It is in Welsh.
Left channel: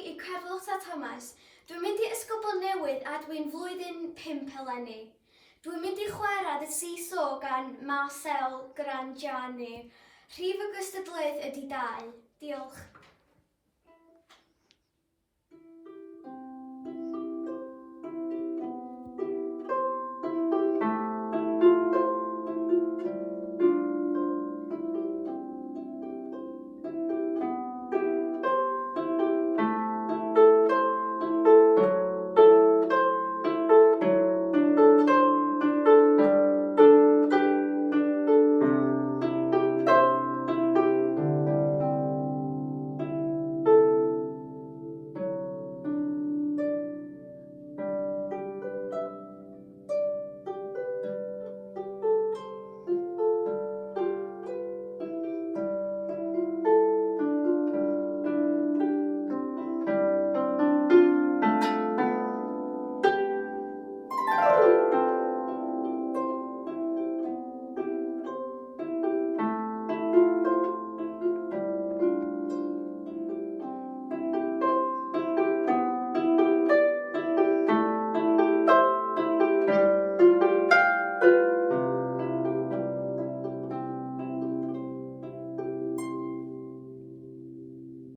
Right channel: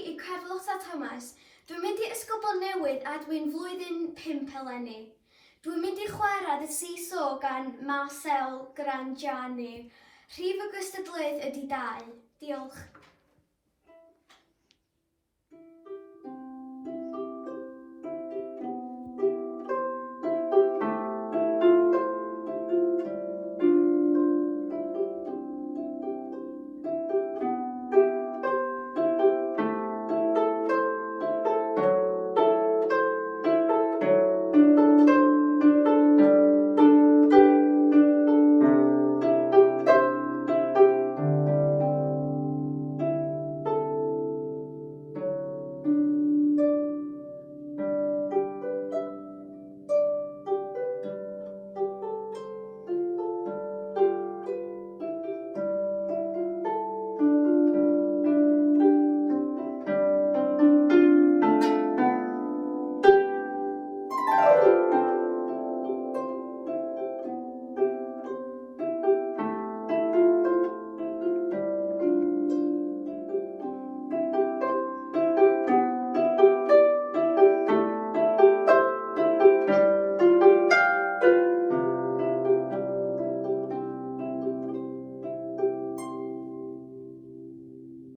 i Carlota Thomas. Dwi'n mynd i Ysgol Bontnewydd a dwi'n flwyddyn 5 eleni. Dwi'n mynd i chwarae y seesaw gan Marcel Grangiani. Rhif y Cystadleuaeth ydy 2. Diolch.